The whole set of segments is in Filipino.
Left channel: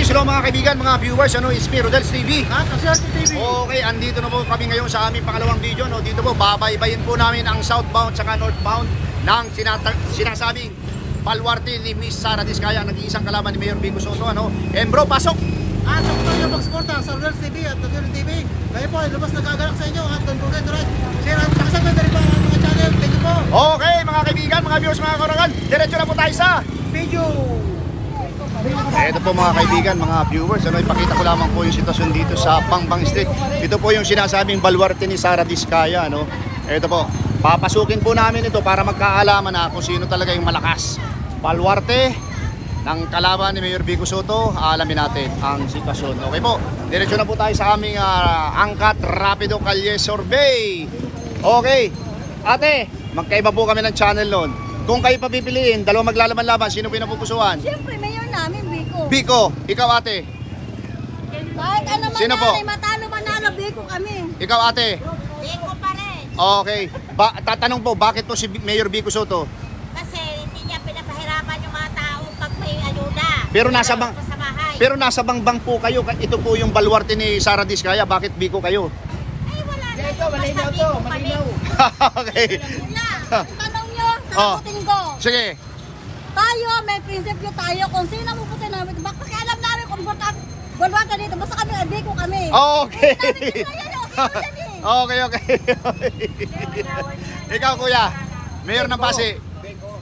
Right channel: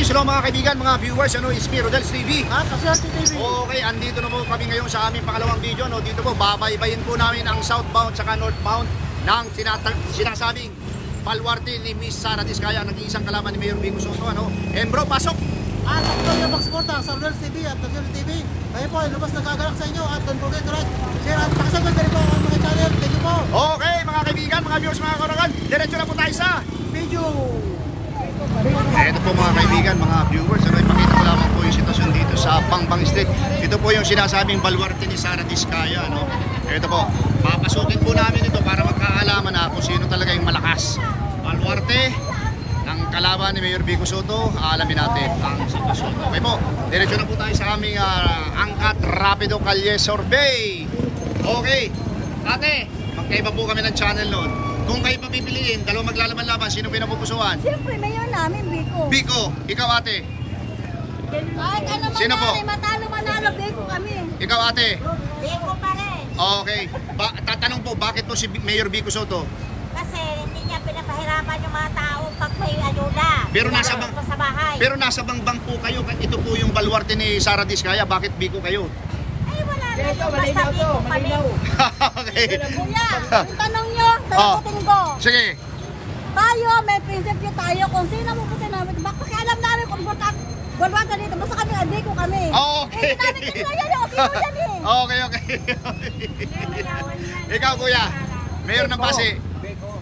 Peace hello mga kaibigan, mga viewers, is me, Rodels TV. Kaserte TV. Okay, andito na po kami ngayon sa aming pangalawang video. Dito po, babaybayin po namin ang southbound saka northbound ng sinasabing baluarte ni Miss Sara Diskaya, nag-iisang kalaban ni Mayor Vico Soto. And bro, pasok! Sa kutuloy na pagsuporta sa Rodels TV at Kaserte TV. Kayo po ay lumas nagagalak sa inyo at don't forget to like, share at pakisagod na rin po ang mga channel. Thank you po. Okay, mga kaibigan, mga viewers, mga karangan, diretso na po tayo sa Video. Ito po mga kaibigan, mga viewers, ipakita ko lamang po yung sitwasyon dito sa Pangbang Street. Ito po yung sinasabing baluarte ni Sara Diskaya. Ito po, papasukin po namin ito para magkaalaman na kung sino talaga yung malakas. Baluarte ng kalaban ni Mayor Vico Soto, alamin natin ang sitwasyon. Okay po, diretso na po tayo sa aming angkat rapido kalye survey. Okay, ate, magkaiba po kami ng channel noon. Kung kayo papipiliin, dalawang maglalaban-laban, sino pinapupusuan? Siyempre, mayor namin, Vico. Vico, ikaw ate. Kahit ano Sino po? Manalo, Vico kami. Ikaw ate. Vico pa rin. Okay. Tatanong po, bakit po si Mayor Vico Soto? Kasi hindi niya pinapahirapan yung mga tao pag may ayuda. Pero nasa bangbang po kayo. Ito po yung baluarte ni Sara Diskaya. Bakit Vico kayo? Ay, wala na. Basta Vico kami. Okay. Kuya, tanong niyo. Oh. Sagutin ko. Sige. Tayo, may prinsipyo tayo. Kung sino maputi namin, pakialam namin kung baluarte dito. Basta kami, Vico kami. Okay. Okay. Ikaw kuya, Mayor ng Pasig.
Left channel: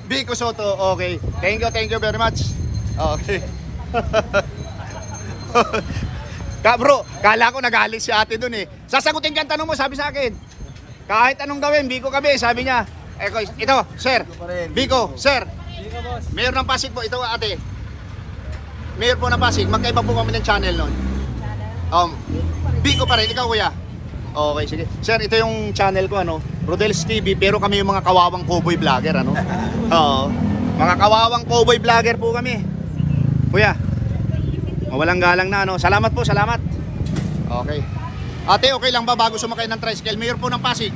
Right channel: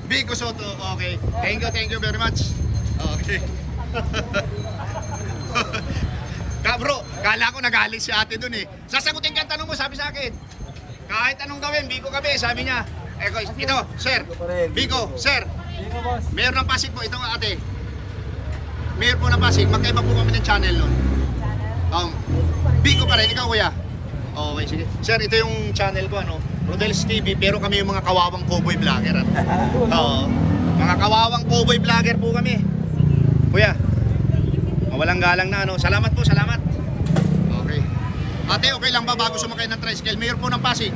Vico Soto. Okay. Thank you very much. Okay. Bro, kala ko nagalit si ate dun eh. Sasagutin ka ang tanong mo, sabi sa akin. Kahit anong gawin, Vico kami, sabi niya. Ito, sir. Vico, sir. Mayor ng Pasig po, ito ate. Mayor po ng Pasig, magkaiba po kami ng channel nun. Vico pa rin, ikaw kuya. Okay, sige. Sir, ito yung channel ko, Rodels TV, pero kami yung mga kawawang cowboy vlogger, mga kawawang cowboy vlogger po kami. Kuya, mawalang galang na, Salamat po, salamat. Okay. Ate, okay lang ba bago sumakay ng tricycle? Mayor po ng Pasig.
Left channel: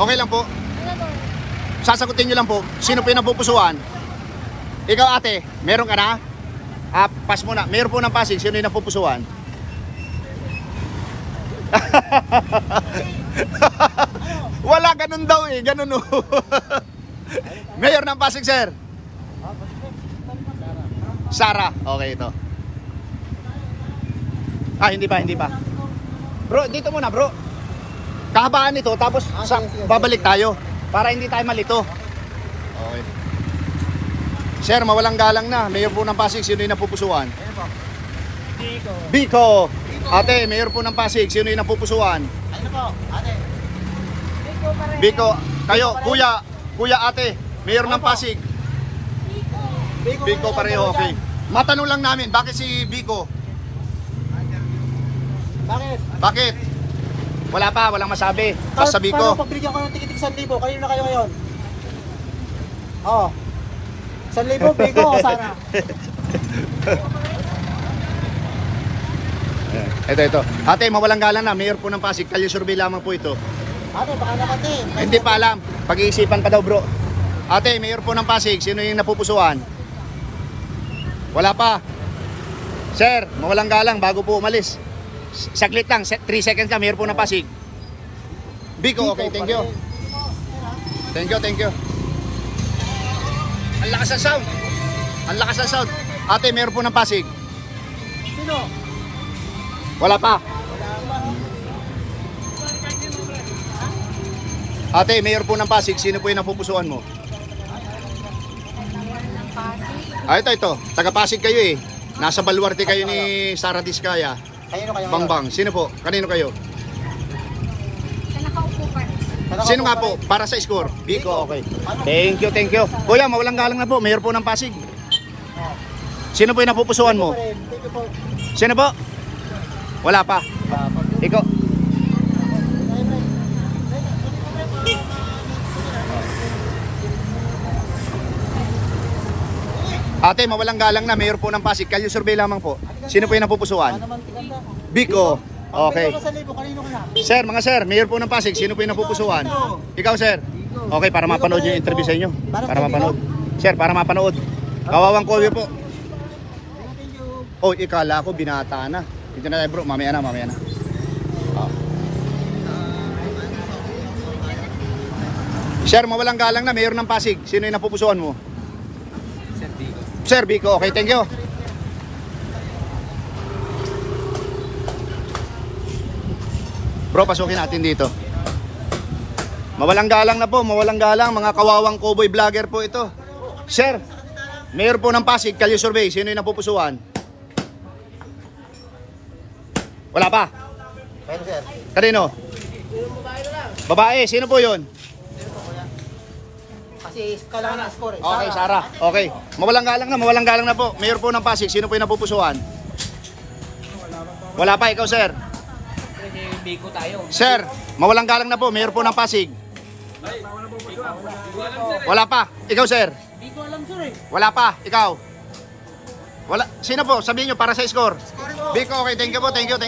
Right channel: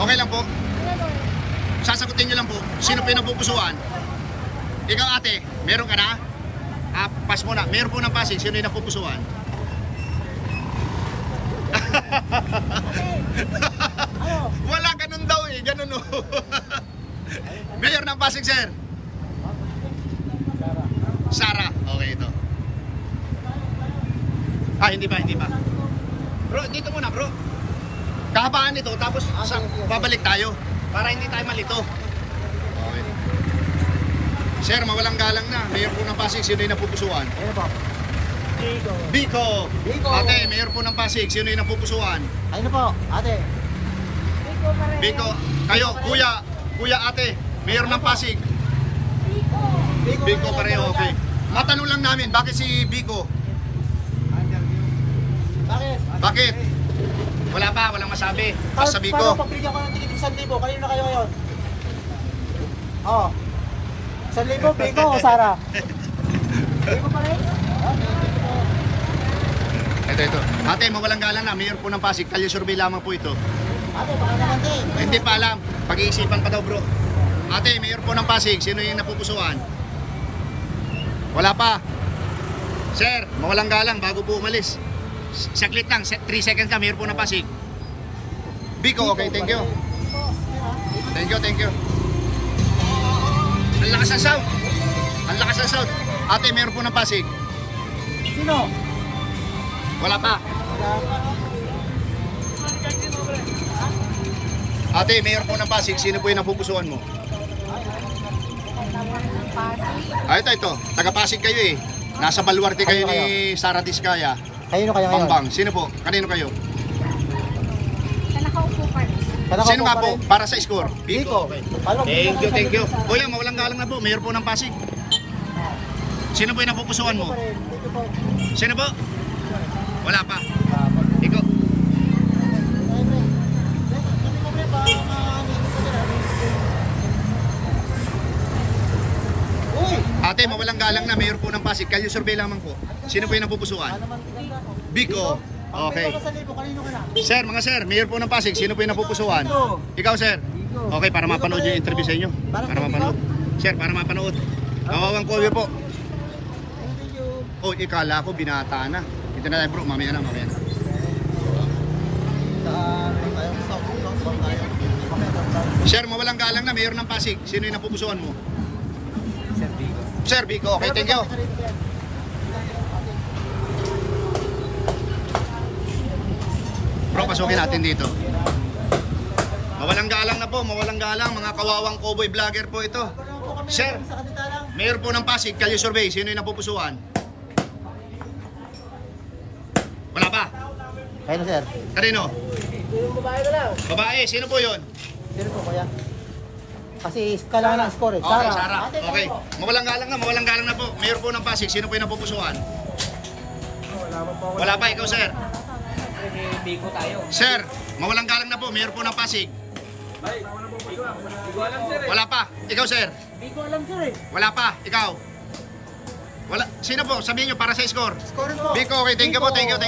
Okay lang po. Sasagutin nyo lang po. Sino pinapupusuan? Ikaw ate, meron ka na? Pass mo na. Mayor po ng Pasig, sino yung napupusuan? Wala, ganun daw eh. Ganun o. Mayor ng Pasig, sir. Sara. Okay, ito. Hindi pa. Bro, dito muna bro. Kahabaan ito, tapos babalik tayo. Para hindi tayo malito. Okay. Sir, mawalang galang na. Mayor po ng Pasig, sino yung napupusuan? Vico. Ate, Mayor po ng Pasig, sino yung napupusuan? Ano po, ate? Vico pa rin. Vico. Kayo, kuya ate, Mayor ng Pasig. Vico pareho, okay. Matanong lang namin, bakit si Vico? Bakit? Wala pa, walang masabi. Basta Vico. Pagbigyan ko ng tikitik 1,000, kanino na kayo ngayon? Oo. 1,000, Vico o Sara? Ito. Ate, mawalang galang na. Mayor po ng Pasig. Kalye survey lamang po ito. Ate, paala natin. Hindi pa alam. Pag-iisipan pa daw bro. Ate, Mayor po ng Pasig. Sino yung napupusuan? Wala pa. Sir, mawalang galang bago po umalis. Saglit lang. 3 seconds lang. Mayor po ng Pasig. Vico, okay. Thank you. Thank you. Ang lakas ng sound. Ate, Mayor po ng Pasig. Sino? Wala pa. Ate, Mayor po ng Pasig, sino po yung napupusuan mo? Mayor ng Pasig. Ito. Taga-Pasig kayo eh. Nasa baluarte kayo ni Sara Diskaya. Kanino kayo ngayon? Bangbang. Sino po? Kanino kayo? Sa nakaupo pa rin. Sino nga po? Para sa score? Vico. Okay. Thank you. Kuya, mawalang galang na po. Mayor po ng Pasig. Sino po yung napupusuan mo? Sino po? Wala pa. Ikaw. Ate, mawalang galang na. Mayor po ng Pasig. Kalye survey lamang po. Sino po yung napupusuan? Vico. Okay. Sir, mga sir, Mayor po ng Pasig. Sino po yung napupusuan? Ikaw, sir. Okay, para mapanood yung interview sa inyo. Para mapanood. Sir, para mapanood. Kawawang call po. Oh, ikala ko binata na. Dito na tayo bro, mamaya na. Oh. Sir, mawalang galang na, mayor ng Pasig. Sino yung napupusuan mo? Sir Bigo. Sir Bico, okay, thank you. Bro, pasukin natin dito. Mawalang galang na po, mawalang galang. Mga kawawang cowboy vlogger po ito. Sir, mayor po ng Pasig, Kalye Survey. Sino yung napupusuan? Wala pa? Ayun sir. Kanino? Yung babae na lang. Babae, sino po yun? Sino po kaya? Kasi kailangan na score eh. Okay, Sarah. Okay. Mawalang galang na po. Mayor po ng Pasig, sino po yung napupusuan? Wala pa po ako. Wala pa, ikaw sir. Kasi Bigo tayo. Sir, mawalang galang na po. Mayor po ng Pasig. Bigo alam sir eh. Wala pa. Ikaw sir. Bigo alam sir eh. Wala pa. Ikaw. Wala. Sino po? Sabihin nyo para sa score. Score po. Biko, okay. Thank you po. Thank you.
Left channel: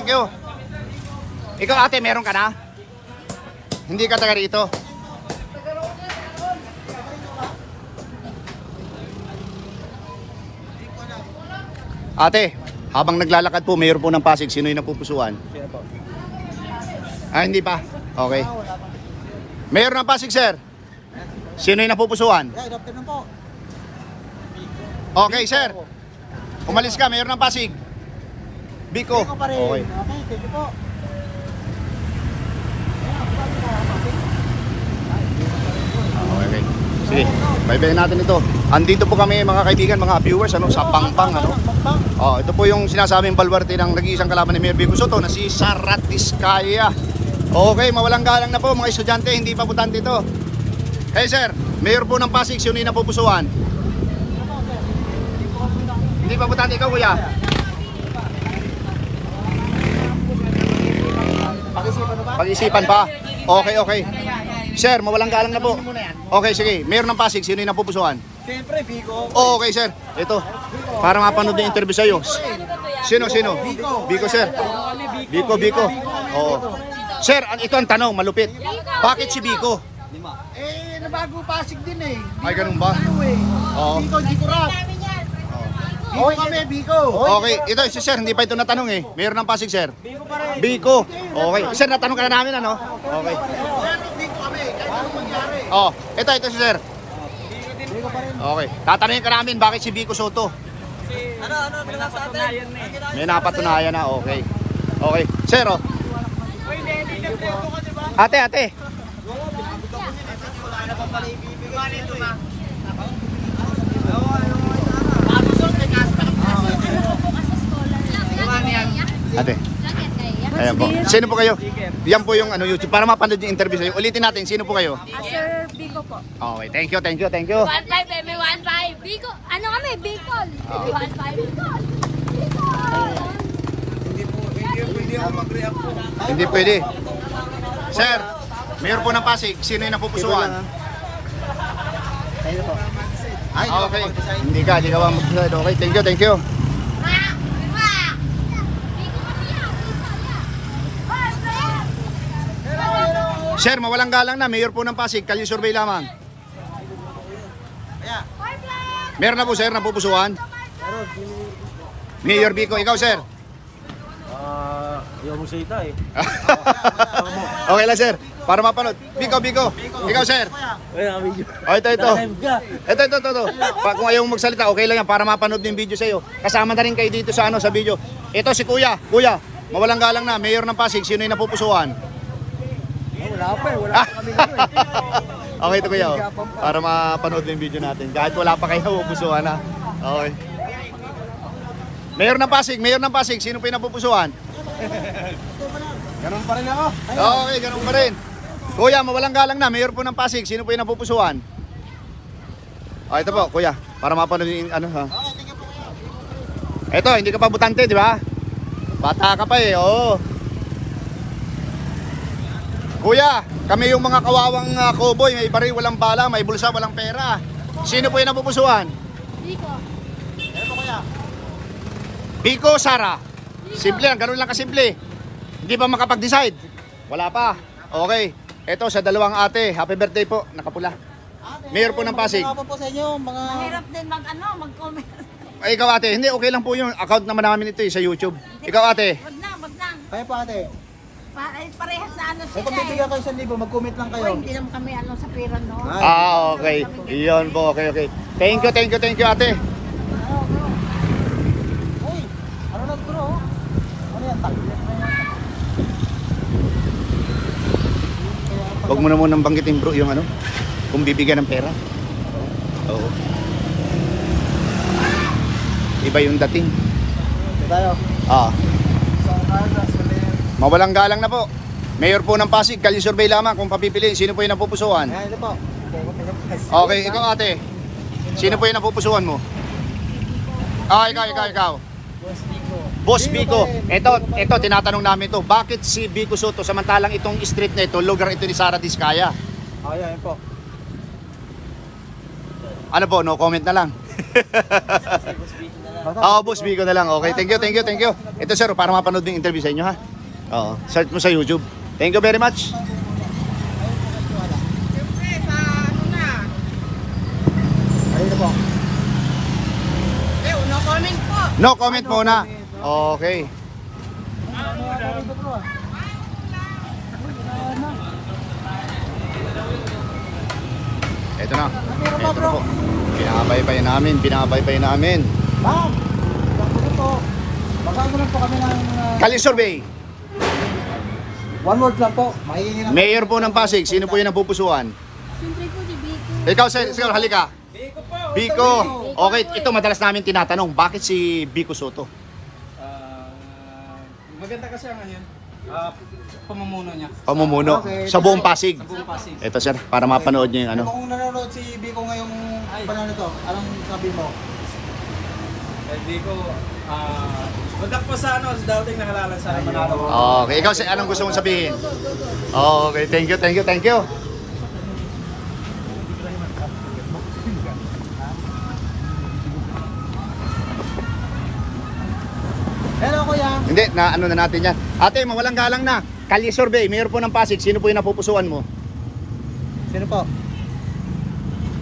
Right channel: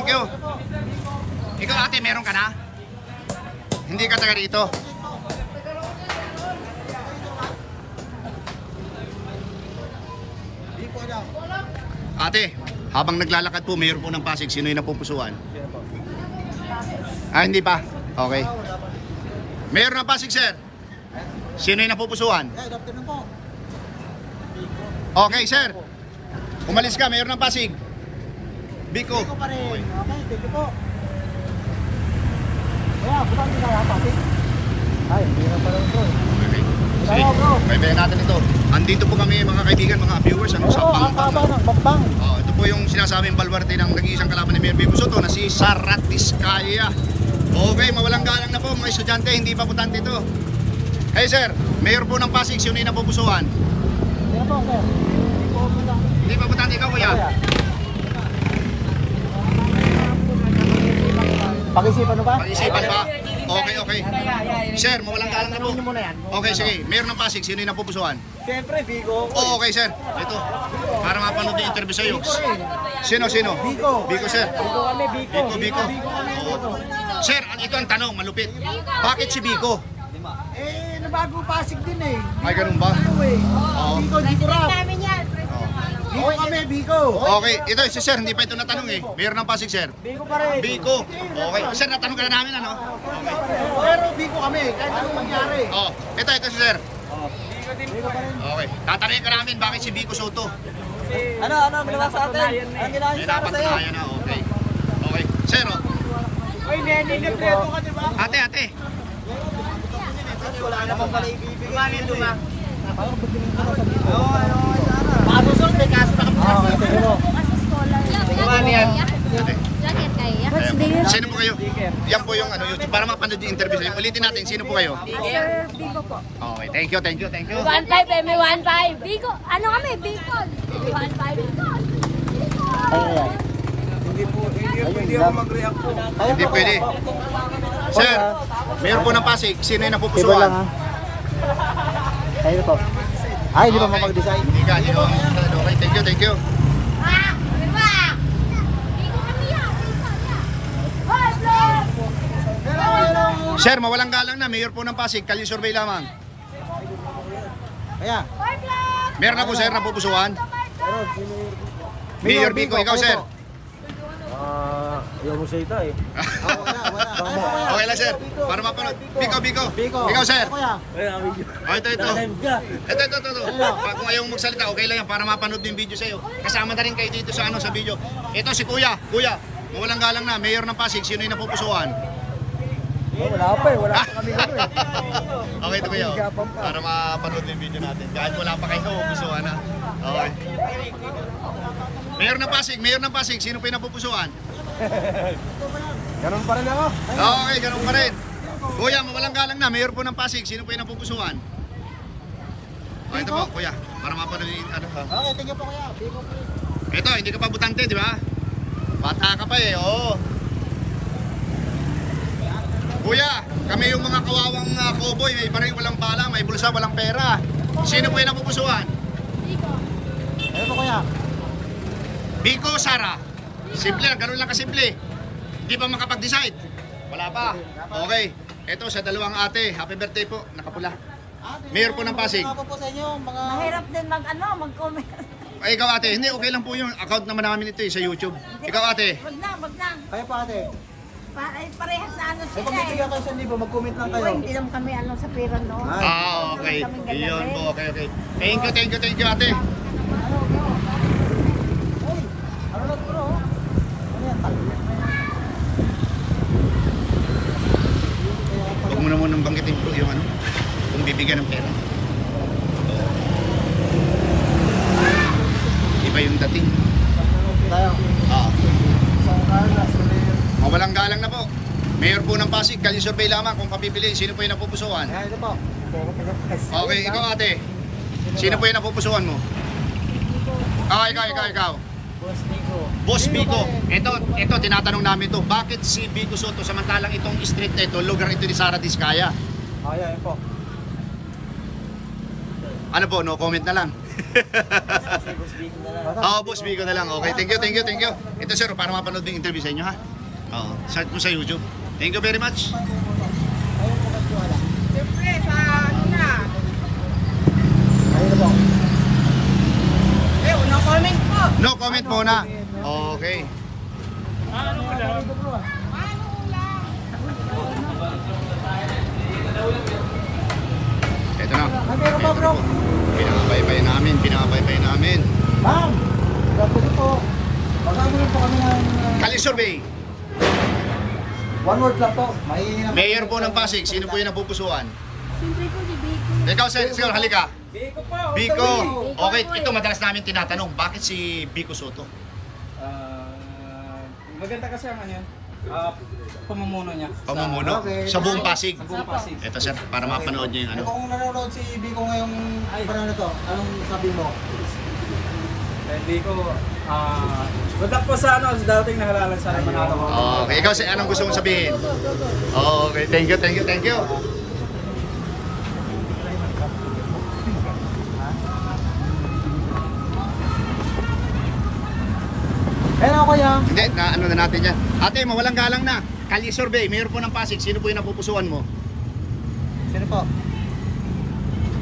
Ikaw ate, meron ka na? Hindi ka taga rito. Ate, habang naglalakad po, mayor po ng Pasig, sino yung napupusuan? Ah, hindi pa. Okay. Mayor ng Pasig, sir. Sino yung napupusuan? Okay, sir. Umalis ka, mayor ng Pasig. Biko. Okay. Thank you po. Wala, bukan ka na Pasig. Ay, hindi na pala ito. Okay. Sige, bye-bye natin ito. Andito po kami mga kaibigan, mga viewers, sa Pangbang. Oh, ito po yung sinasabing baluarte ng nag-iisang kalaban ni Mayor Vico Soto na si Sara Diskaya. Okay, mawalang galang na po mga estudyante, hindi pa butante ito. Hey sir, Mayor po ng Pasig, sino yung napupusuan? Hindi pa butante, ikaw kuya? Pag-isipan mo ba? Pag-isipan pa? Okay. Sir, mawalang galang na po. Okay, sige. Mayor ng Pasig, sino yung napupusuan? Siyempre, Bigo. Oh, okay, sir. Ito. Para mapanood yung interview sa'yo. Sino? Bigo. Biko, sir. Bigo kami, Bigo. Biko. kami. Oo. Sir, ito ang tanong, malupit. Bakit si Biko? Eh, nabago Pasig din eh. Ay, ganun ba? Ano eh. Oo. Bigo rap. Oo. Bigo kami, Bigo. Okay, ito si sir, hindi pa ito natanong eh. Mayor ng Pasig, sir. Bigo pa rin. Biko. Okay. Sir, natanong ka na namin, ano? Okay. Pero Bigo kami, kahit anong mangyari. Oh, ito si sir. Okay. Tatanungin ka namin, bakit si Biko Soto? May napatunayan na eh. May napatunayan na, okay. Okay. Sir, oh. Hindi po. Ate. Ate. Ayan po. Sino po kayo? Yan po yung YouTube para mapanood yung interview sa'yo. Ulitin natin, sino po kayo? Sir Bigo po. Okay, thank you. 1.5, may 1.5. Bigo, ano kami? Bicol. 1.5. Bicol. Hindi ako mag-react po. Hindi pwede. Sir, Mayor po ng Pasig, sino yung napupusuan? Ayun po. Ay, hindi Okay. Hindi ka, ginawa mo. Okay, thank you. Sir, mawalang galang na. Mayor po ng Pasig, Kalye Survey lamang. Ayan. Meron na po, sir, napupusuan? Mayor Biko, ikaw, sir? Ayaw mo salita eh. Okay lang, sir. Para mapanood. Biko. Ikaw, sir? Oh, ito. Ito. Kung ayaw mong magsalita, okay lang yan. Para mapanood yung video sa'yo. Kasama na rin kayo dito sa video. Ito si Kuya. Kuya, mawalang galang na. Mayor ng Pasig, sino yung napupusuan? Wala pa kami gano'n eh. Okay, ito kuya. Para mapanood yung video natin. Kahit wala pa kayo, pupusuan na. Okay. Mayor ng Pasig, sino pa yung napupusuan? Ganun pa rin ako. Okay, ganun pa rin. Kuya, mawalang galang na. Mayor po ng Pasig, sino po yung napupusuan? Okay, ito po, kuya. Para mapanood yung ano. Okay, tingnan po kaya. Ito, hindi ka pa butante, di ba? Bata ka pa eh, oo. Kuya, kami yung mga kawawang cowboy, may baril, walang bala, may bulsa, walang pera. Sino po yung napupusuan? Biko, Sara. Simple lang, ganun lang kasimple. Hindi pa makapag-decide. Wala pa. Okay. Ito sa dalawang ate, happy birthday po, nakapula. Mayor po ng Pasig. Mahirap din mag-comment. Ay, ikaw ate, hindi, okay lang po yung account naman namin ito sa YouTube. Ikaw ate. Wag na, wag na. Kayo po ate. Parehas na ano Kung sila bibigyan eh. ko 1,000, mag-comment lang kayo. Uy, hindi naman kami ano sa pera, no? Okay. Iyon po, okay. Thank you ate. Uy, ano na bro? Ano yan, tali? Huwag mo na munang banggitin bro yung ano, kung bibigyan ng pera. Oo. Iba yung dating. Tayo. So, Carlos, Mawalang galang na po. Mayor po ng Pasig, kalye survey lamang kung papipiliin. Sino po yung napupusuan? Ano po? Pagkakas. Okay, ikaw ate. Sino po yung napupusuan mo? Ikaw. Boss Nico. Boss Biko. Ito, tinatanong namin to. Bakit si Biko Soto samantalang itong street na ito, lugar ito ni Sara Diskaya? Yan po. Ano po, no comment na lang. Boss Nico na lang. Boss Biko na lang. Okay, thank you. Ito sir, para mapanood yung interview sa inyo ha. Oo, search mo sa YouTube. Thank you very much. Ayun po kasi wala. Siyempre, sa ano na. Ayun na po. No comment po. No comment muna. Okay. Ito na. Meron pa bro. Pinakabay namin. Ma'am, gagawin po. Magkano lang po kami ng... Kalye survey. One word lang po. Mahihingi na po. Mayor po ng Pasig, sino po yung napupusuan? Siyempre po si Biko. Ikaw, sir, halika. Biko po. Biko. Okay, ito madalas namin tinatanong, bakit si Biko Soto? Maganda kasi ang ano yan, pamumuno niya. Pamumuno sa buong Pasig. Sa buong Pasig. Ito sir, para mapanood niyo yung ano. Kung nanonood si Biko ngayong panalo to, anong sabi mo? Hindi ko, wadak po sa ano, dating nakalala sa Manalo ko. Okay, ikaw sir, anong gusto mong sabihin? Okay, thank you. Hello kuya. Hindi, na ano na natin yan. Ate, mawalang galang na. Kalye survey, mayor po ng Pasig, sino po yung napupusuan mo? Sino po?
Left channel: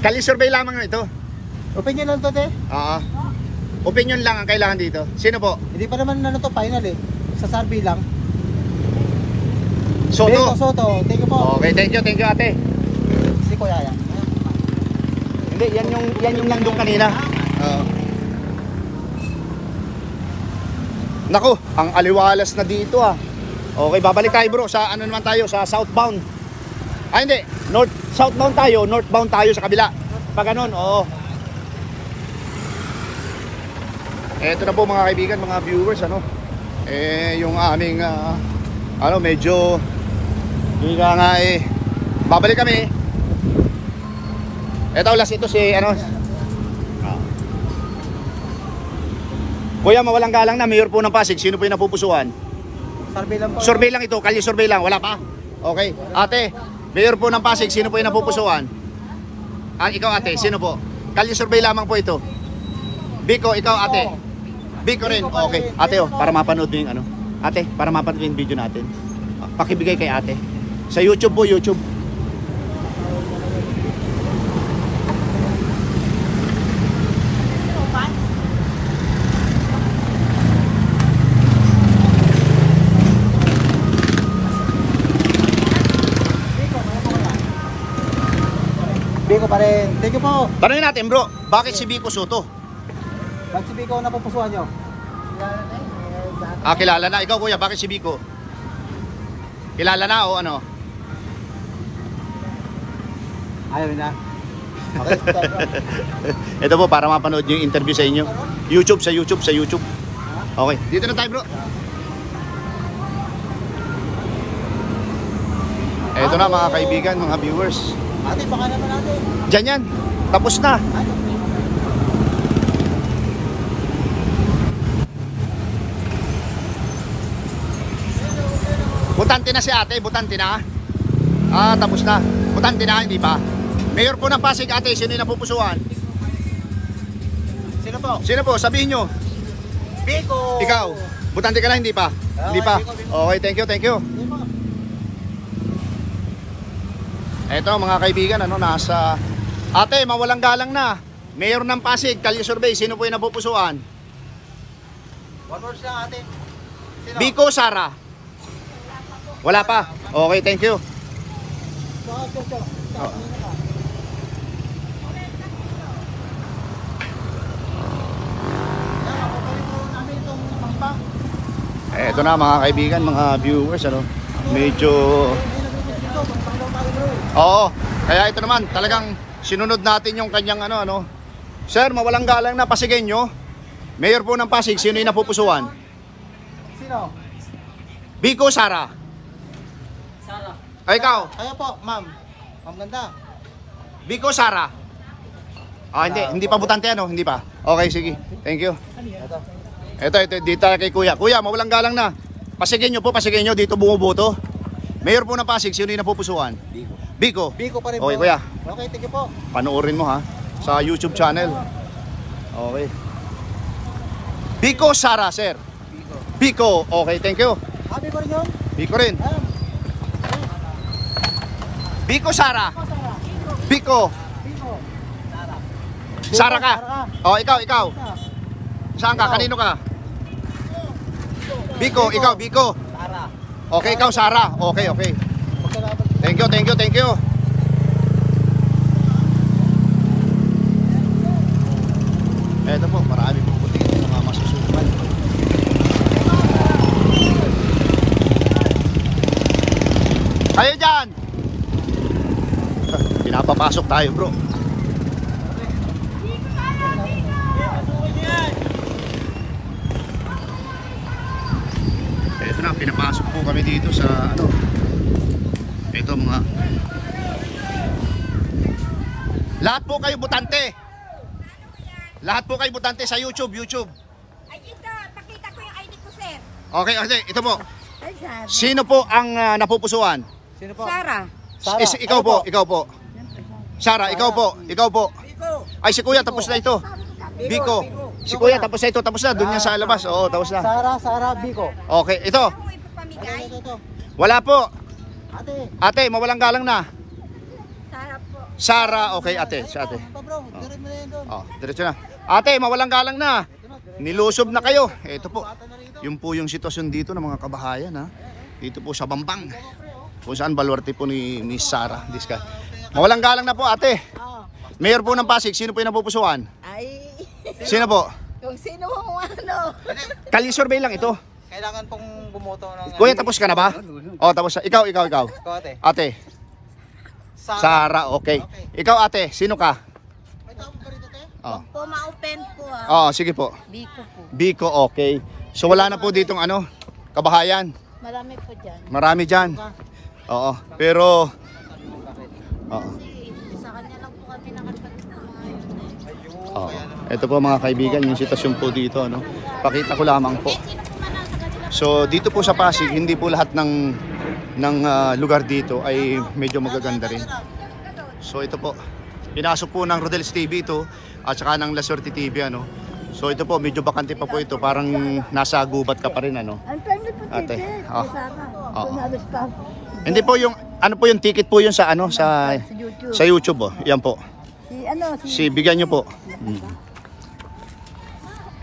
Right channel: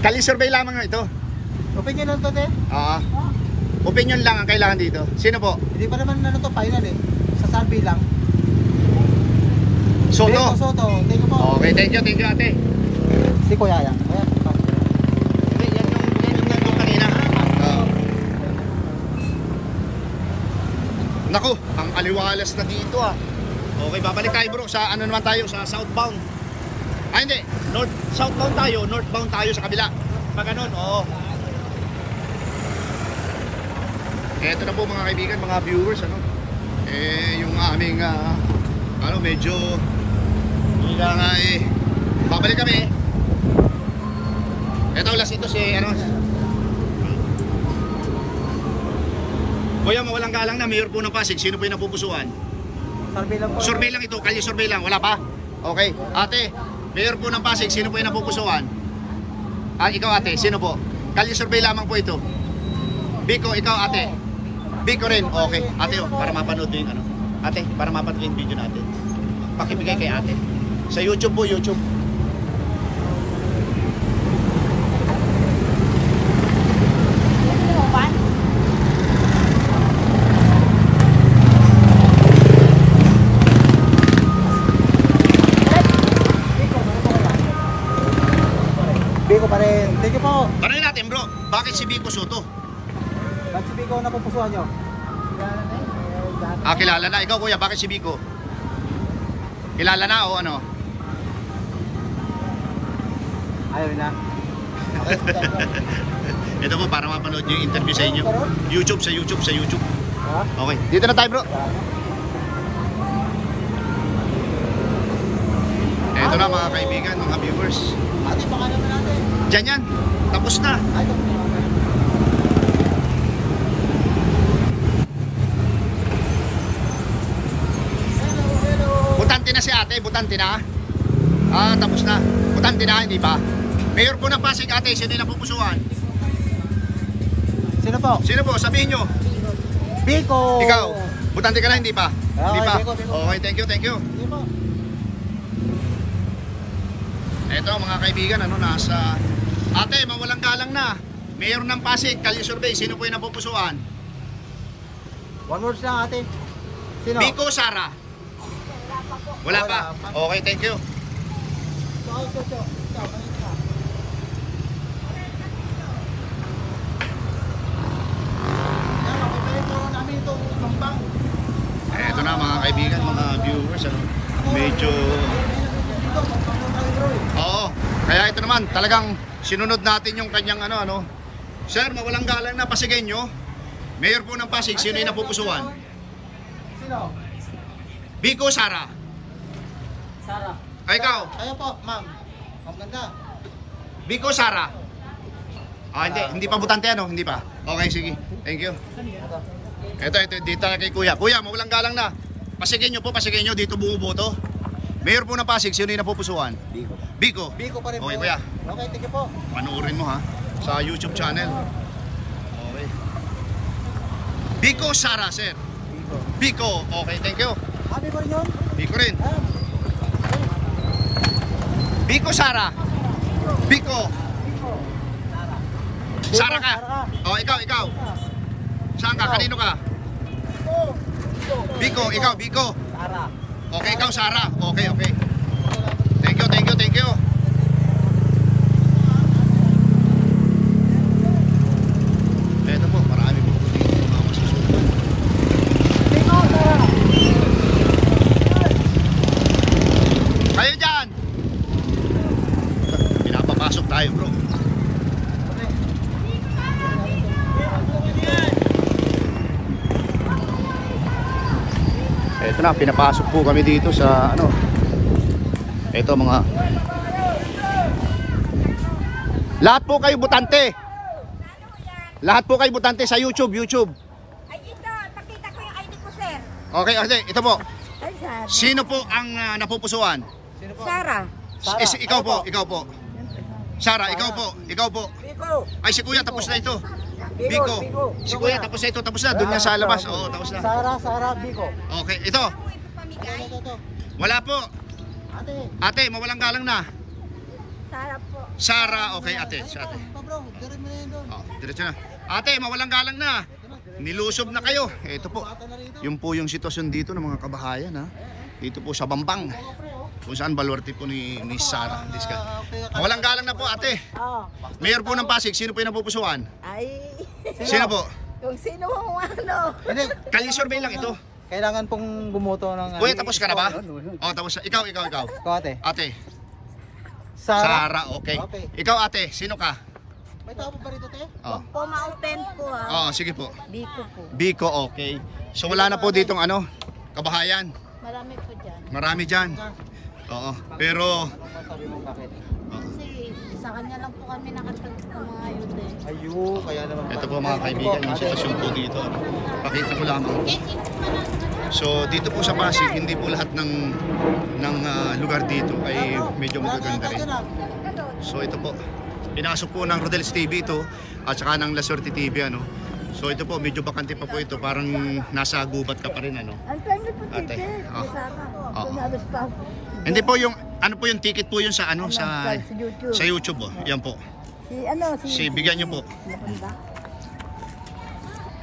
Kalye survey lamang na ito. Opinion lang to te? Opinion lang ang kailangan dito. Sino po? Hindi pa naman ano to final eh. Sa survey lang. Soto. Soto. Thank you po. Okay, thank you ate. Si kuya yan. Hindi, yan yung nandun kanina. Naku, ang aliwalas na dito ah. Okay, babalik tayo bro. Sa ano naman tayo? Sa southbound. Hindi. Southbound tayo. Northbound tayo sa kabila. Pag ganun, oo. Eto na po mga kaibigan, mga viewers, ano. Yung aming, medyo, hindi nga babalik kami. Eto, last ito si, Kuya, mawalang galang na, mayor po ng Pasig. Sino po yung napupusuan? Survey lang. Survey lang ito, kalye survey lang. Wala pa? Okay. Ate, mayor po ng Pasig. Sino po yung napupusuan? Ikaw ate, sino po? Kalye survey lamang po ito. Biko, ikaw ate. Biko rin. Okay. Ate, para mapanood yung ano. Ate, para mapanood yung video natin. Pakibigay kay ate. Sa YouTube po, YouTube. Biko pa rin. Thank you po. Tanungin natin bro, bakit si Biko Soto? Bakit si Biko na pupusuan nyo? Kilala na. Ikaw kuya, bakit si Biko? Kilala na o ano? Ayaw na. Ito po, para mapanood yung interview sa inyo. YouTube. Okay, dito na tayo bro. Ito na mga kaibigan, mga viewers. Ate, baka naman natin. Diyan yan, tapos na. Ay, Butante na si ate, butante na. Tapos na. Butante na, hindi pa. Mayor po ng Pasig ate, sino yung napupusuan? sino po? Sino po? Sabihin nyo. Biko. Ikaw, butante ka na, hindi pa? Hindi pa. Okay, thank you. Ito mga kaibigan, nasa ate, mawalang galang na. Mayor ng Pasig, Kalye Survey, sino po yung napupusuan? One words lang ate. Sino? Biko, Sara? Wala pa. Okay, thank you. Ito na mga kaibigan, mga viewers, ano, medyo... Oo, kaya ito naman, talagang sinunod natin yung kanyang ano. Sir, mawalang galang na Pasigenyo. Mayor po ng Pasig, sino yung napupusuan? Sino? Biko, Sara? Sara. Ay, ikaw? Kayo po, ma'am. Ma'am ganda. Biko, Sara? Hindi pa butante ano? Hindi pa? Okay, sige. Thank you. Ito, dito tayo kay Kuya. Kuya, mawalang galang na. Pasigenyo po, Pasigenyo, dito bumuboto. Mayor po ng Pasig, sino yung napupusuan? Biko. Biko? Biko pa rin Okay, po. Kuya. Okay, thank you po. Panoorin mo ha, sa YouTube channel. Okay. Biko, Sara, sir. Biko. Biko, okay, thank you. Happy pa rin yun? Biko rin. Biko, Sara. Biko. Sara ka. Oh, ikaw. Saan ka? Kanino ka? Biko, ikaw, Biko. Sara. Okay, ikaw, Sara. Okay. Thank you. Eto po, marami po dito mga masusukan. Kayo dyan! Pinapapasok tayo, bro. Eto na, pinapasok po kami dito sa ano. Eto mga lahat po kayo butante. Lahat po kayo butante sa YouTube. Ay, ito, pakita ko yung ID ko, sir. Okay, ito po. Ay, Sara. Sino po ang napupusuan? Sino po? Sara. Ikaw po. Sara, ikaw po. Biko. Ay, si Kuya tapos na ite. Biko. Si Kuya tapos na ito. Tapos na. Doon niya sa labas. Oo, tapos na. Sara, Biko. Okay, ito. Ito. Wala po. Ate. Ate, mawalang galang na. Sara po. Sara, okay ate. Si ate. Ito bro, meron mo na yun doon. Oh, diretso na. Ate, mawalang galang na. Nilusob na kayo. Ito po. Ito na rito. Yung po yung sitwasyon dito ng mga kabahayan ha. Dito po sa Bambang. Kung saan baluarte po ni Sara Diska. Mawalang galang na po ate. Oh. Mayor po ng Pasig, sino po yung napupusuan? Ay. Sino po? Kung sino mo ano. Kalye survey lang ito. Kailangan pong bumoto ng... Kuya, tapos ka na ba? Oh, tapos na. Ikaw. Ate. Ate. Sara, okay. Ikaw ate, sino ka? May tao pa rito, te? Oh. Po ma-open po ah. Oh, sige po. Biko po. Biko, okay. So wala na po ditong ano, kabahayan. Marami po dyan. Marami dyan. Oo, pero Sa kanya lang po kami nakatulog. oo. Ito po mga kaibigan, yung sitwasyon po dito, ano. Pakita ko lamang po. So dito po sa Pasig, hindi po lahat ng lugar dito ay medyo magaganda rin. So ito po, pinasok po ng Rodel's TV ito at saka ng La Suerte TV ano. So ito po, medyo bakante pa po ito, parang nasa gubat ka pa rin ano. Ay, thank you po. Ate. Oh. Oo. Hindi po yung ano po yung ticket po yun sa ano Sa YouTube. sa YouTube oh. Yan po. Si Bigyan niyo po.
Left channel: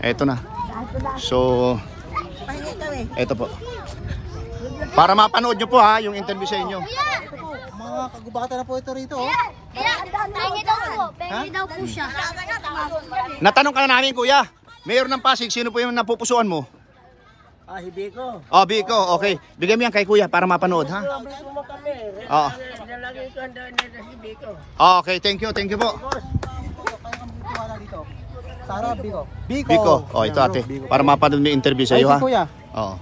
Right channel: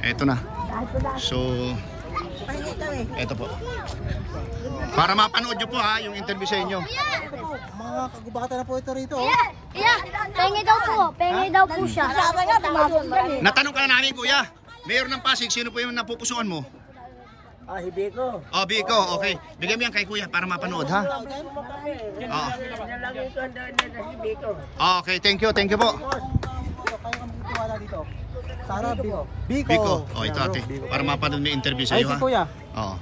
Ito na. So ito po. Para mapanood nyo po ha, yung interview sa inyo. Ito po, mga kagubatan na po ito rito. Oh. Pengi daw po siya. Natanong ka na namin kuya, Mayor ng Pasig, sino po yung napupusuan mo? Si Biko. Oh, Biko, okay. Bigyan mo yan kay kuya para mapanood ha. Oo. Okay, thank you po. Kaya kami tiwala dito. Sara, Biko. Biko, oh ito ate, para mapanood yung interview sa iyo ha. Si Kuya. Oo.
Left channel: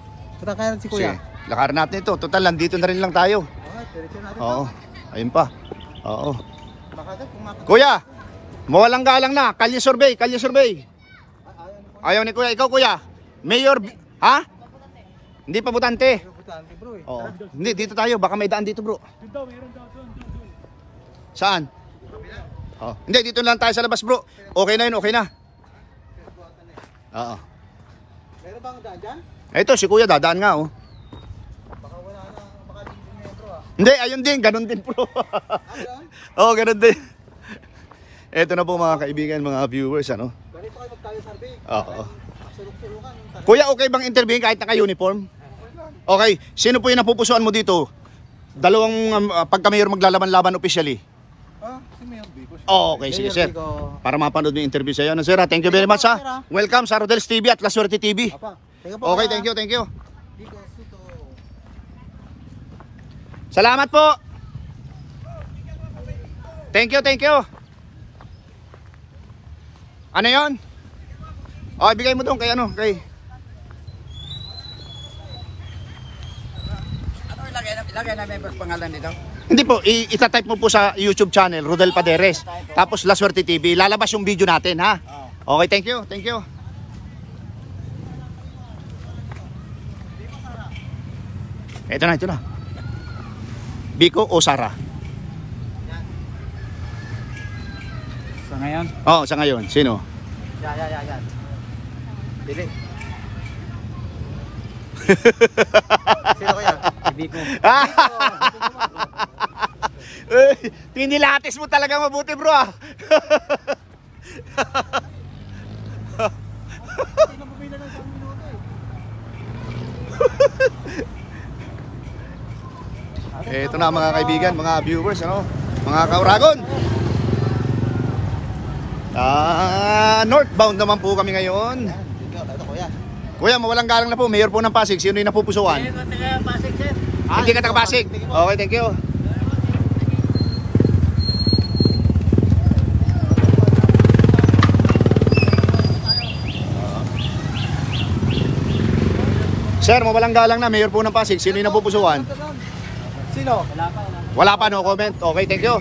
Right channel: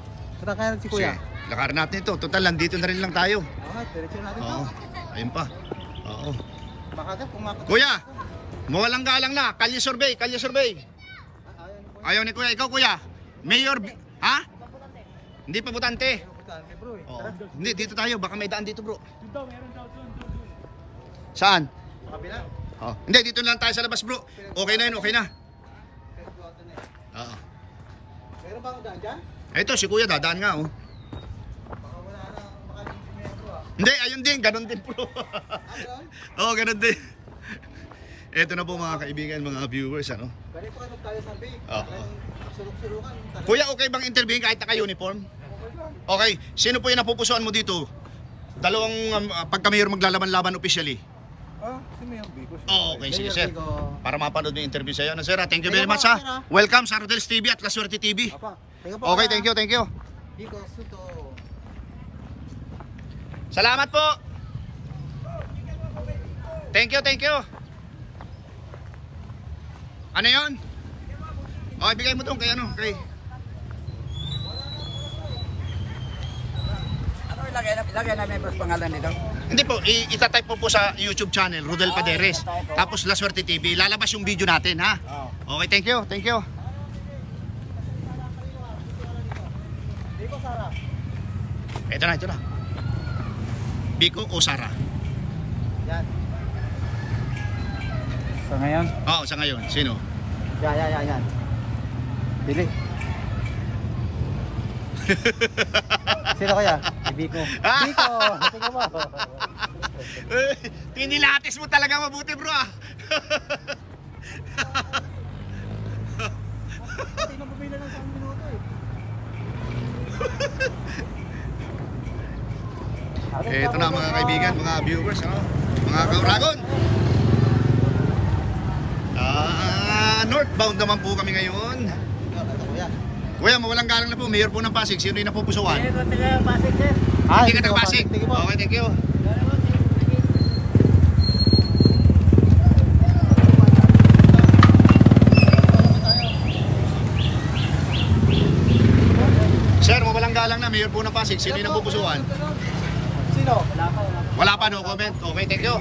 Kaya si Sige, Kuya. lakarin natin ito. Total, nandito na rin lang tayo. Diretso natin. Oo, ayun pa. Oo. Makagap kung mapag... Kuya, mawalang galang na. Kalye survey. Ayaw ni kuya. Ikaw kuya, Mayor, ha? Hindi pa butante. Oo. Hindi, dito tayo. Baka may daan dito bro. Saan? Oh. Hindi, dito lang tayo sa labas bro. Okay na yun, okay na. Oo. Meron bang daan dyan? Ito, si kuya dadaan nga oh. Baka wala na, baka din si Metro ah. Hindi, ayun din. Ganun din bro. Oo, ganun din. Eto na po mga kaibigan, mga viewers, ano? Ganito kayo magtayo survey. Oo. Sulok-sulukan. Kuya, okay bang interviewin kahit naka-uniform? Okay. Sino po yung napupusuan mo dito? Dalawang pagka-mayor maglalaban-laban officially. Si Mayor Bico. Okay, sige sir. Para mapanood yung interview sa'yo. Ano sir? Thank you very much ha. Welcome sa Rodel's TV at La Suerte TV. Okay, thank you, thank you. Bico, Bico. Salamat po. Thank you, thank you. Ano yon? Oh, ibigay mo doon kay ano, kay... Ano ilagay na members pangalan nito? Hindi po, itatype mo po sa YouTube channel, Rodel Paderes. Tapos La Suerte TV. Lalabas yung video natin, ha? Okay, thank you, thank you. Ito na, ito na. Biko o Sara? So ngayon? Oo, sa ngayon. Sino? Yan. Bili. Sino kaya? Biko. Pinilates mo talaga mabuti, bro. Hindi na pumila ng 1 minuto eh. Ito na mga kaibigan, mga viewers, ano? Mga kauragon. Northbound naman po kami ngayon. Kuya, mawalang galang na po. Mayor po ng Pasig. Sino yung napupusuan? Hindi ka Pasig, sir. Hindi ka taga Pasig. Okay, thank you. Sir, mawalang galang na. Mayor po ng Pasig. Sino yung napupusuan? Sino? Wala pa, no comment. Okay, thank you.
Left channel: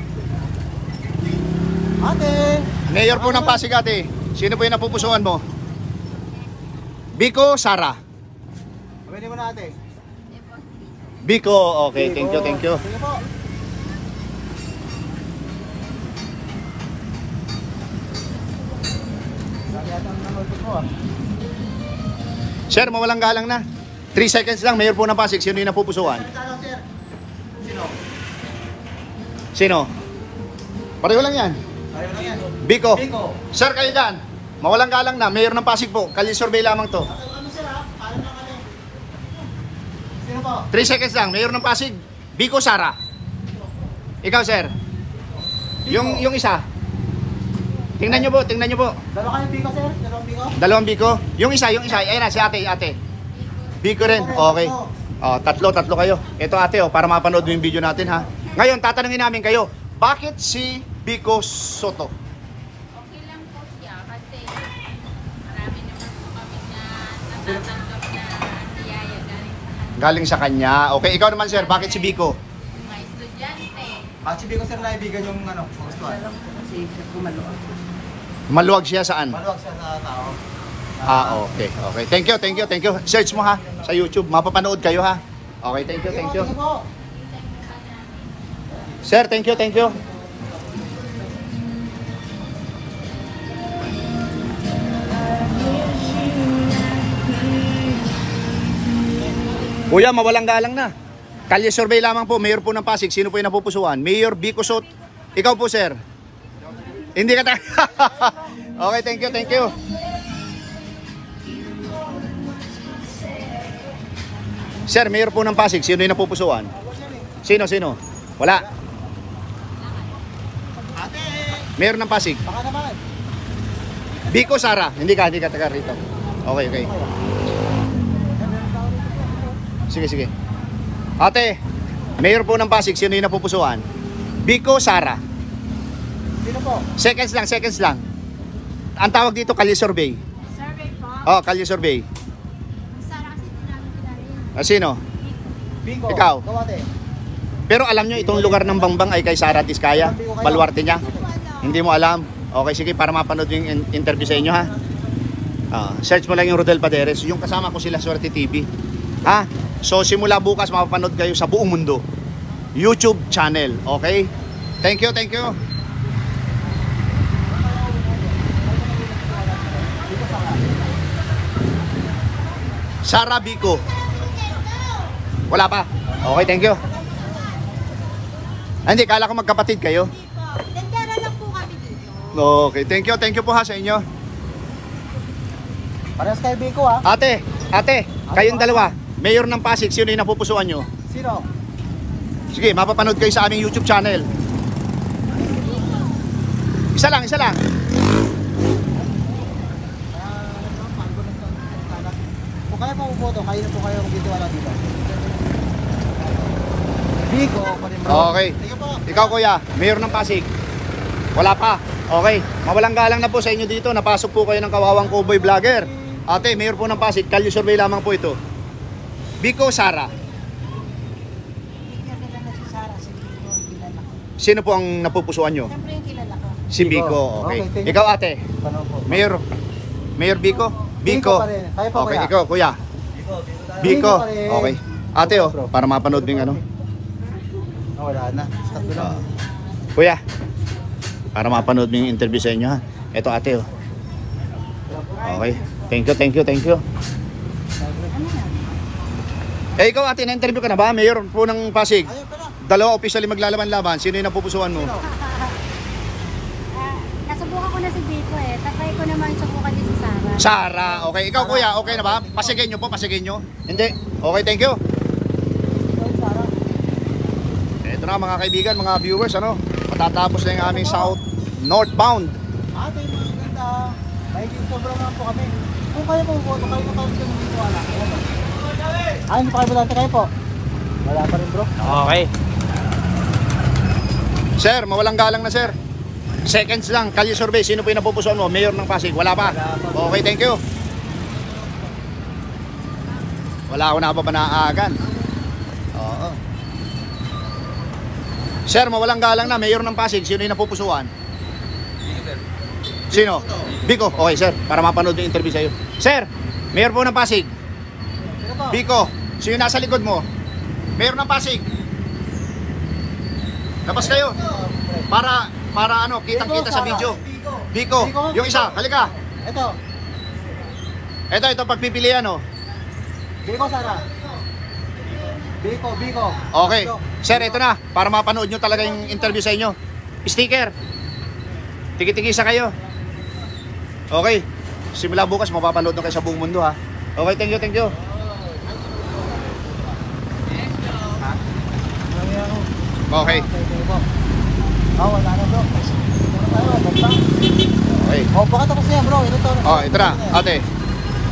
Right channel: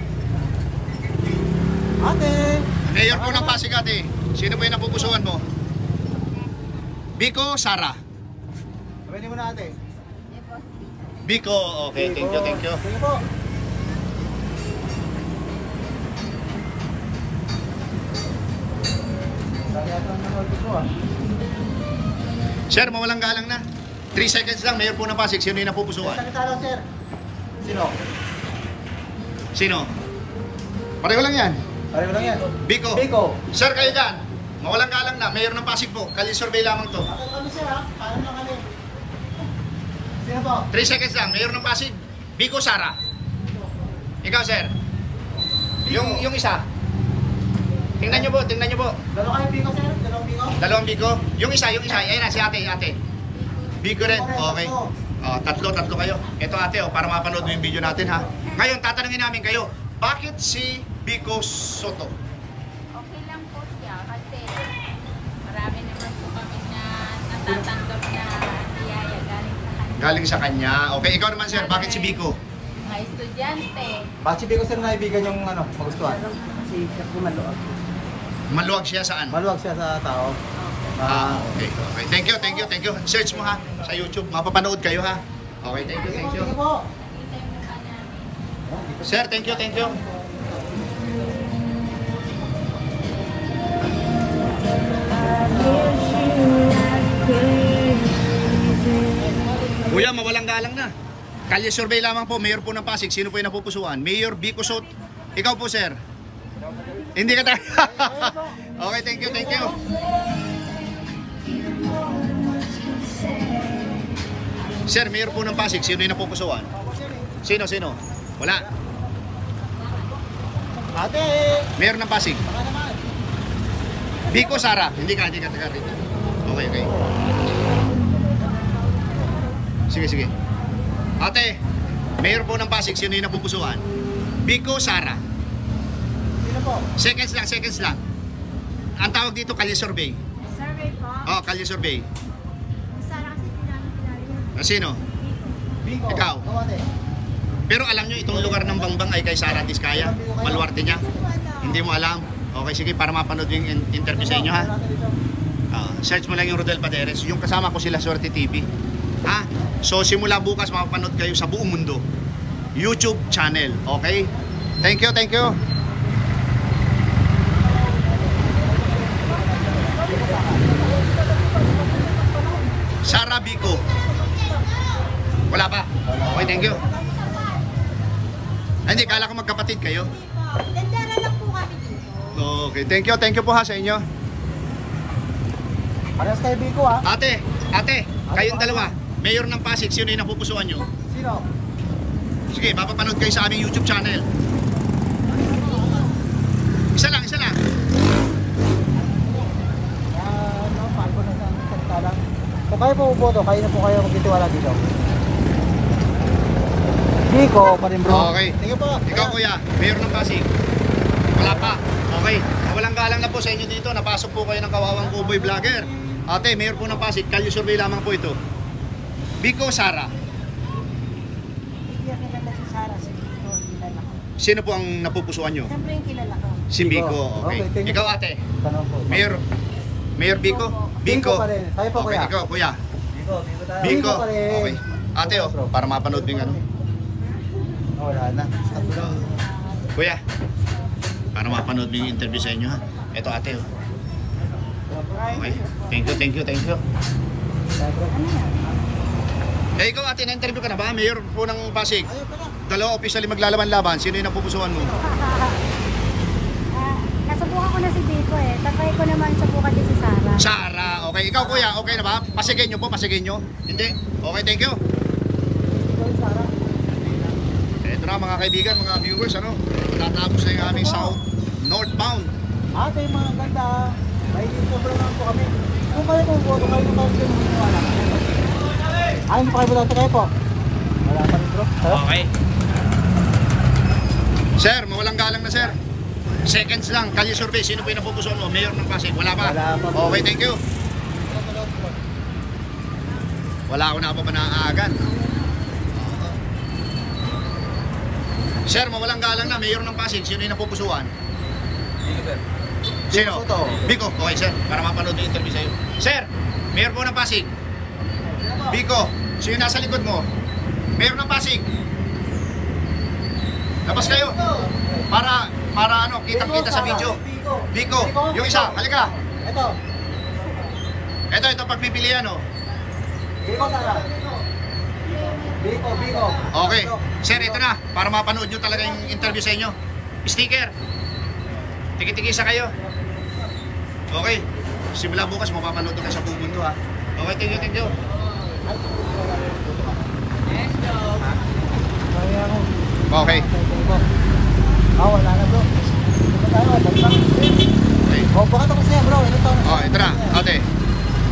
Ate. Mayor po ng Pasig, ate. Sino po yung napupusuan mo? Biko, Sara. Pwede mo na ate. Biko, okay. Thank you, thank you. Sige po. Sir, mawalang galang na. 3 seconds lang, Mayor po ng Pasig. Sino yung napupusuan? Salita lang, sir. Sino? Sino? Pareho lang yan. Pareho lang yan. Biko. Biko. Sir, kayo dyan. Mawalang galang na. Mayor ng Pasig po. Kali-survey lamang to. Ate kami, sir, ha? Paalam lang kami. Sino po? 3 seconds lang. Mayor ng Pasig. Biko, Sara. Ikaw, sir. Yung isa. Tingnan nyo po, tingnan nyo po. Dalawa kami Biko, sir. Dalawang Biko. Dalawang Biko. Yung isa. Ayan na, si ate. Biko rin. Okay. Tatlo kayo. Ito ate, para mapanood yung video natin, ha. Ngayon, tatanungin namin kayo. Bakit si Biko Soto? Okay lang po siya kasi marami naman po kami na natatanggap niya biyaya galing sa kanya. Galing sa kanya. Okay, ikaw naman sir, bakit si Biko? Mga estudyante. Bakit si Biko, sir, naibigan yung pagustuhan? Kasi siya pumaluag. Maluwag siya saan? Maluwag siya sa tao. Okay. Thank you. Search mo ha sa YouTube. Mapapanood kayo ha. Okay, thank you. Sige po. Sir, thank you. Kuya, mawalang galang na. Kalye survey lamang po, Mayor po ng Pasig. Sino po yung napupusuan? Mayor Biko Soto. Ikaw po, sir. Hindi ka tayo. Okay, thank you. Sir, Mayor po ng Pasig. Sino yung napupusuan? Sino? Wala. Ate. Mayor ng Pasig. Baka naman. Biko, Sara. Hindi ka taga rito. Okay. Sige. Ate, Mayor po ng Pasig. Sino yung napupusuan? Biko, Sara. Sino po? Seconds lang. Ang tawag dito, kalye survey. Survey po. Kalye survey. Sana kasi hindi namin kilala yun. Sino? Biko. Ikaw. Ate. Pero alam nyo, itong lugar ng Bangbang ay kay Sara Diskaya. Baluarte niya. Hindi mo alam. Okay, sige, para mapanood yung interview sa inyo, ha? Search mo lang yung Rodel Paderes. Yung kasama ko sila, Suerte TV. Ha? So, simula bukas, mapapanood kayo sa buong mundo. YouTube channel. Okay? Thank you. Sara Biko. Wala pa. Okay, thank you. Hindi, kala ko magkapatid kayo. Tendera lang po kami dito. Okay, thank you po ha sa inyo. Parehas tayo Biko ha. Ate, kayong dalawa, mayor ng Pasig, sino yung napupusuan nyo? Sino? Sige, mapapanood kayo sa aming YouTube channel. Isa lang. Kung kayo po boto, kayo na po kayo magtitiwala dito. Biko pa rin. Okay. Sige po. Ikaw kuya, mayor ng Pasig. Wala pa. Okay. Mawalang galang na po sa inyo dito. Napasok po kayo ng kawawang cowboy vlogger. Ate, mayor po ng Pasig. Kalye survey lamang po ito. Biko, Sara. Hindi ko kilala si Sarah, si Biko, kilala ko. Sino po ang napupusuan nyo? Siyempre yung kilala ko. Si Biko. Okay. Okay, thank you. Ikaw ate, Tanong po. Mayor Biko? Biko pa rin. Kayo po, Okay, kuya. ikaw kuya. Biko tayo. Biko. pa rin. Okay. Ate oh, para mapanood din ano. Kuya, para mapanood mo yung interview sa inyo ha. Ito ate oh. Okay. Thank you. Ano yan? Eh ikaw ate, na-interview ka na ba? Mayor po ng Pasig. Dalawa officially maglalaban-laban. Sino yung napupusuan mo? Nasubukan ko na si Biko eh. Tatry ko naman subukan din si Sarah. Sara. Okay. Ikaw kuya, okay na ba? Pasigin nyo po, pasigin nyo. Hindi. Okay, thank you. Ito na mga kaibigan, mga viewers, ano? Matatapos na yung aming south northbound. Ate, yung mga ganda. May sobrang naman po kami. Kung kayo po boto, kayo na kayo kayo magtitiwala. Ayan po. Ayun pa kayo boto, kayo po. Wala pa rin bro. Okay. Sir, mawalang galang na sir. Seconds lang, kalye survey. Sino po yung napupusuan mo? Mayor ng Pasig? Wala pa? Okay, thank you. Wala ako na pa naaagan. Oo. Sir, mawalang galang na. Mayor ng Pasig. Sino yung napupusuan? Sino? Biko. Okay sir, para mapanood yung interview sa'yo. Sir, Mayor po ng Pasig. Biko, sino nasa likod mo? Mayor ng Pasig. Labas kayo. Para ano, kitang-kita sa video. Biko, yung isa, halika. Ito pagpipilian oh. Biko, Sara. Biko. Okay. Sir, ito na. Para mapanood nyo talaga yung interview sa inyo. Sticker. Tigi-tigisa kayo. Okay. Simula bukas, mapapanood na kayo sa buong mundo ha. Okay, thank you. Okay. Wala na bro. Okay. Bakit ako sa'yo bro? Oh, ito na. Ate.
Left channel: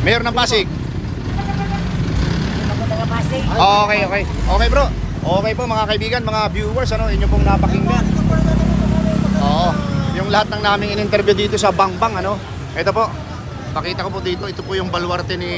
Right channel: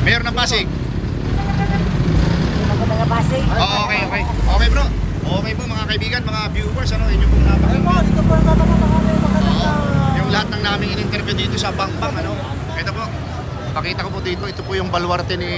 Mayor ng Pasig. Hindi magandang Pasig. Okay. Okay bro. Okay po mga kaibigan, mga viewers, ano, inyo pong napakinggan. Oo. Yung lahat ng naming in-interview dito sa Bangbang, ano. Ito po. Pakita ko po dito, ito po yung baluarte ni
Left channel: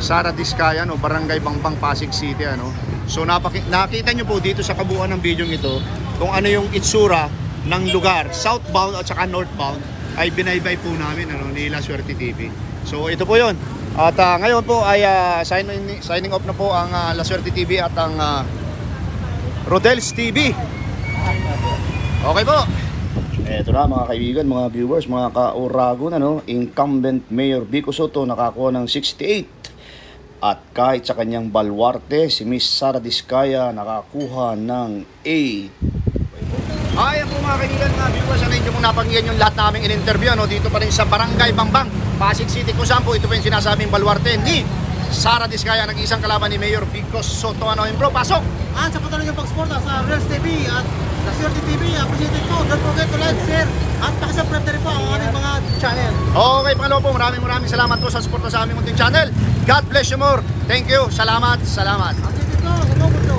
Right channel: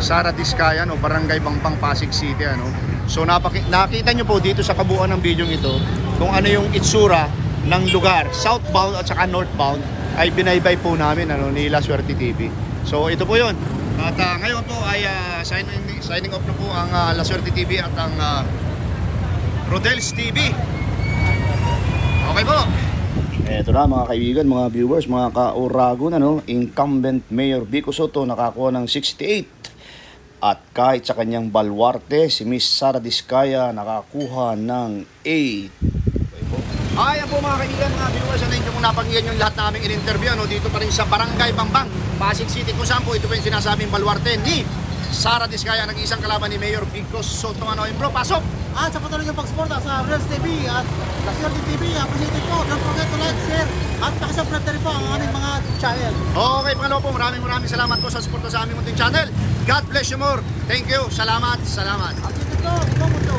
Sara Diskaya, no, Barangay Bangbang, Pasig City, ano. So nakita nyo po dito sa kabuuan ng video ito kung ano yung itsura ng lugar, southbound at saka northbound ay binaybay po namin, ano, ni La Suerte TV. So ito po yun. At ngayon po ay signing off na po ang La Suerte TV at ang Rodel's TV. Okay po. Eto na mga kaibigan, mga viewers, mga ka-Uragon, ano, incumbent Mayor Biko Soto nakakuha ng 68. At kahit sa kanyang baluarte, si Miss Sara Diskaya nakakuha ng 8. Ayan po mga kaibigan, mga viewers, ano yung napakinggan yung lahat naming in-interview, ano, dito pa rin sa Barangay Bangbang, Pasig City, kung saan po ito po yung sinasabing baluarte ni Sara Diskaya, nag-iisang kalaban ni Mayor Biko Soto. Ano yun bro, pasok! Sa patuloy ng pagsuporta sa Reels TV at La Suerte TV, appreciated po. Don't forget to like, share at pakisubscribe na rin po ang aming mga channel. Okay, pangalawa po, maraming salamat po sa suporta sa aming munting channel. God bless you more. Thank you. Salamat. Appreciated po. Sa buong mundo.